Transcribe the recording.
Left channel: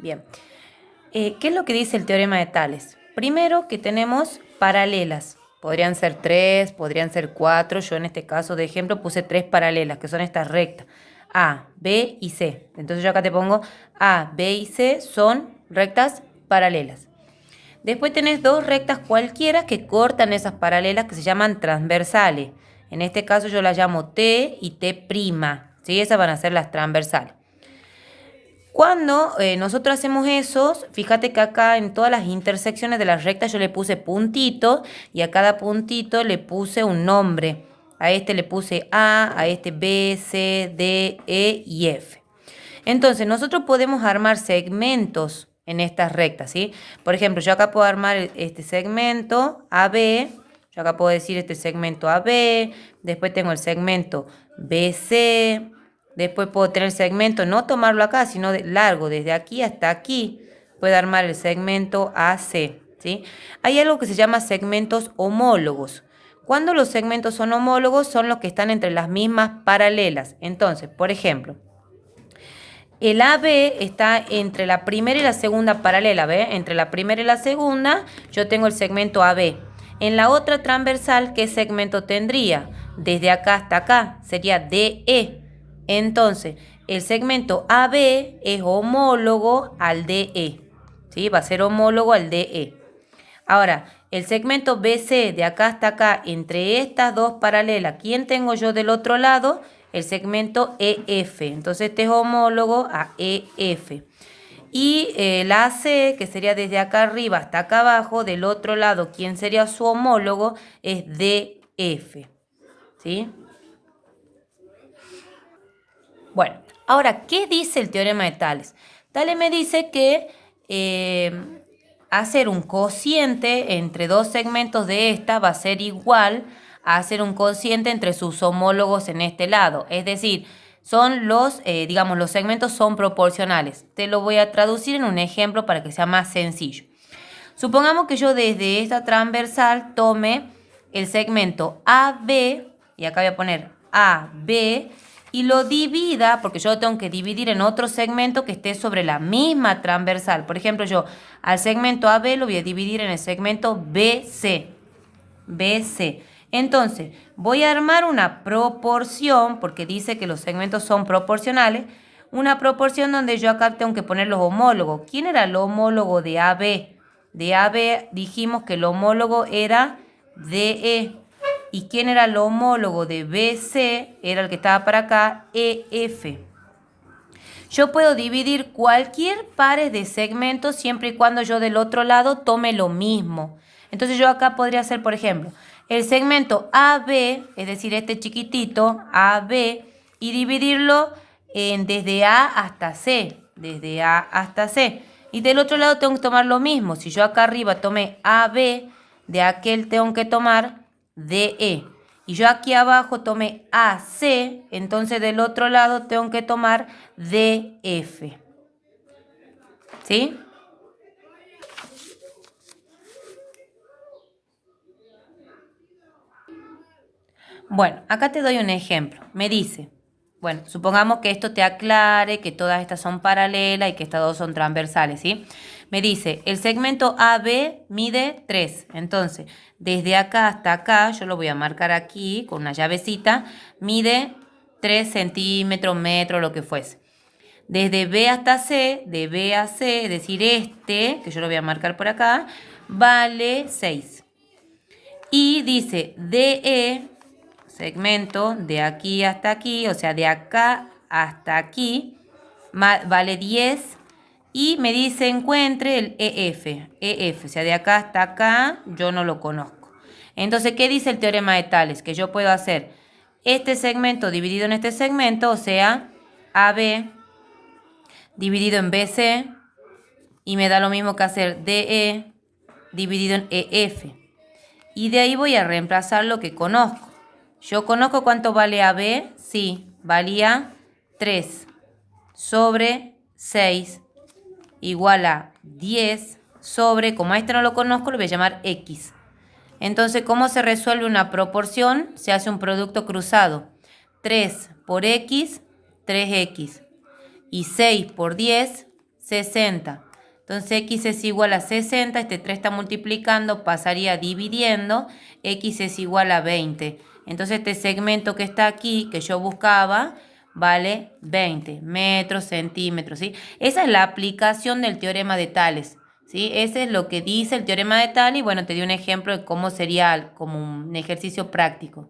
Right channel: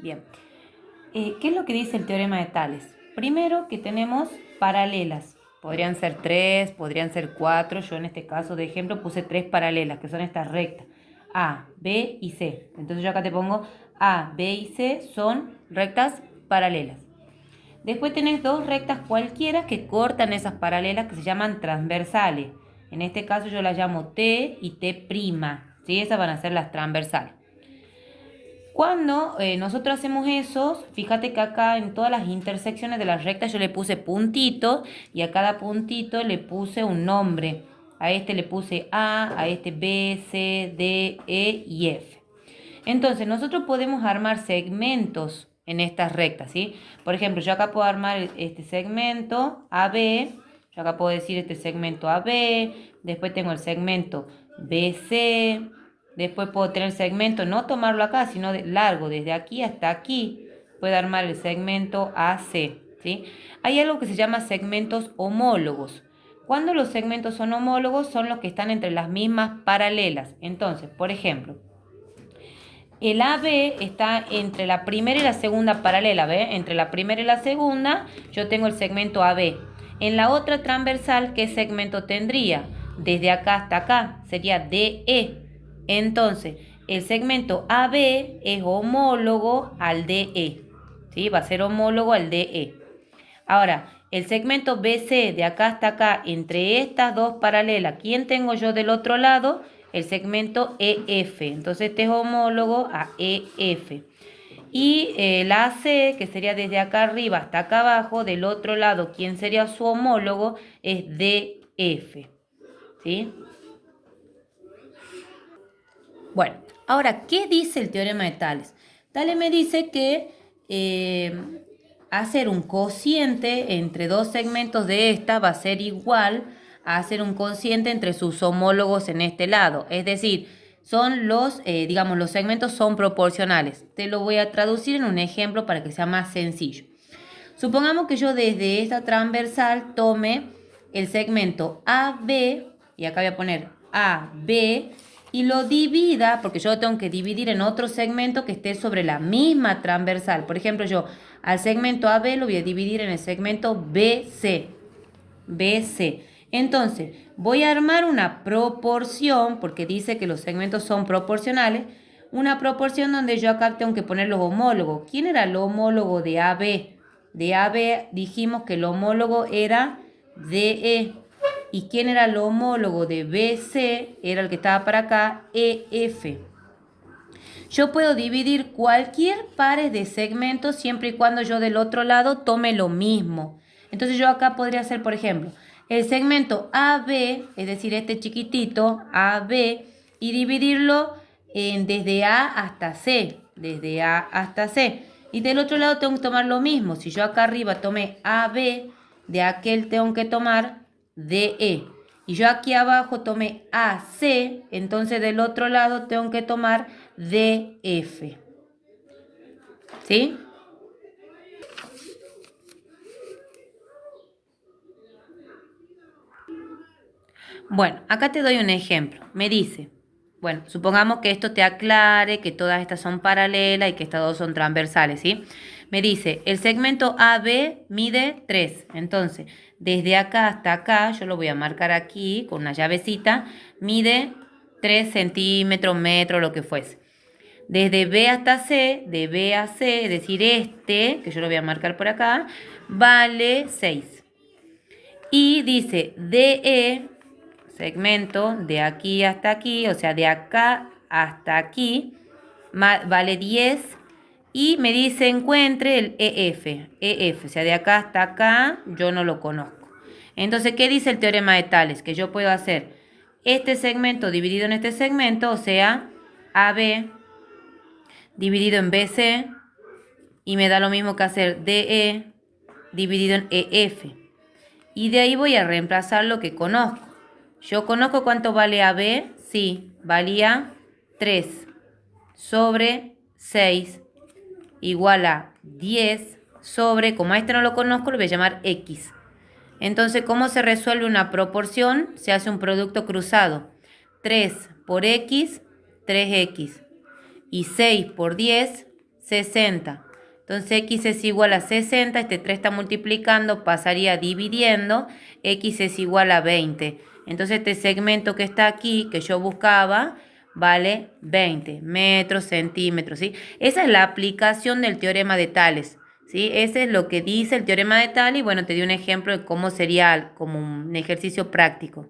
Bien. ¿Qué es lo que dice el teorema de Tales? Primero que tenemos paralelas. Podrían ser 3, podrían ser 4. Yo en este caso de ejemplo puse 3 paralelas, que son estas rectas. A, B y C. Entonces yo acá te pongo A, B y C son rectas paralelas. Después tenés dos rectas cualquiera que cortan esas paralelas que se llaman transversales. En este caso yo las llamo T y T'. ¿Sí? Esas van a ser las transversales. Cuando nosotros hacemos eso, fíjate que acá en todas las intersecciones de las rectas yo le puse puntito y a cada puntito le puse un nombre. A este le puse a este B, C, D, E y F. Entonces nosotros podemos armar segmentos en estas rectas, ¿sí? Por ejemplo, yo acá puedo armar este segmento AB, yo acá puedo decir este segmento AB, después tengo el segmento BC, después puedo tener el segmento, no tomarlo acá, sino de largo, desde aquí hasta aquí, puedo armar el segmento AC, ¿sí? Hay algo que se llama segmentos homólogos. Cuando los segmentos son homólogos, son los que están entre las mismas paralelas. Entonces, por ejemplo, el AB está entre la primera y la segunda paralela, ¿ve? Entre la primera y la segunda yo tengo el segmento AB. En la otra transversal, ¿qué segmento tendría? Desde acá hasta acá, sería DE. Entonces, el segmento AB es homólogo al DE. ¿Sí? Va a ser homólogo al DE. Ahora, el segmento BC de acá hasta acá, entre estas dos paralelas, ¿quién tengo yo del otro lado? El segmento EF. Entonces este es homólogo a EF. Y el AC, que sería desde acá arriba hasta acá abajo, del otro lado, ¿quién sería su homólogo? Es DF. ¿Sí? Bueno, ahora, ¿qué dice el teorema de Tales? Tales me dice que hacer un cociente entre dos segmentos de esta va a ser igual a hacer un cociente entre sus homólogos en este lado. Es decir, son los, digamos, los segmentos son proporcionales. Te lo voy a traducir en un ejemplo para que sea más sencillo. Supongamos que yo desde esta transversal tome el segmento AB, y acá voy a poner AB, y lo divida, porque yo lo tengo que dividir en otro segmento que esté sobre la misma transversal. Por ejemplo, yo al segmento AB lo voy a dividir en el segmento BC. BC. Entonces, voy a armar una proporción, porque dice que los segmentos son proporcionales, una proporción donde yo acá tengo que poner los homólogos. ¿Quién era el homólogo de AB? De AB dijimos que el homólogo era DE. ¿Y quién era el homólogo de BC? Era el que estaba para acá, EF. Yo puedo dividir cualquier pares de segmentos siempre y cuando yo del otro lado tome lo mismo. Entonces yo acá podría hacer, por ejemplo, el segmento AB, es decir, este chiquitito, AB, y dividirlo desde A hasta C, desde A hasta C. Y del otro lado tengo que tomar lo mismo. Si yo acá arriba tomé AB, de aquel tengo que tomar DE. Y yo aquí abajo tomé AC, entonces del otro lado tengo que tomar DF. ¿Sí? Bueno, acá te doy un ejemplo. Me dice, bueno, supongamos que esto te aclare que todas estas son paralelas y que estas dos son transversales, ¿sí? Me dice, el segmento AB mide 3. Entonces, desde acá hasta acá, yo lo voy a marcar aquí con una llavecita, mide 3 centímetros, metro, lo que fuese. Desde B hasta C, de B a C, es decir, este, que yo lo voy a marcar por acá, vale 6. Y dice DE, segmento de aquí hasta aquí, o sea, de acá hasta aquí, vale 10. Y me dice encuentre el EF. EF, o sea, de acá hasta acá, yo no lo conozco. Entonces, ¿qué dice el teorema de Tales? Que yo puedo hacer este segmento dividido en este segmento, o sea, AB dividido en BC, y me da lo mismo que hacer DE dividido en EF. Y de ahí voy a reemplazar lo que conozco. Yo conozco cuánto vale AB. Sí, valía 3 sobre 6 igual a 10 sobre, como a este no lo conozco, lo voy a llamar X. Entonces, ¿cómo se resuelve una proporción? Se hace un producto cruzado. 3 por X, 3X. Y 6 por 10, 60. Entonces x es igual a 60, este 3 está multiplicando, pasaría dividiendo, x es igual a 20. Entonces este segmento que está aquí, que yo buscaba, vale 20 metros, centímetros, ¿sí? Esa es la aplicación del teorema de Tales, ¿sí? Ese es lo que dice el teorema de Tales y bueno, te di un ejemplo de cómo sería como un ejercicio práctico.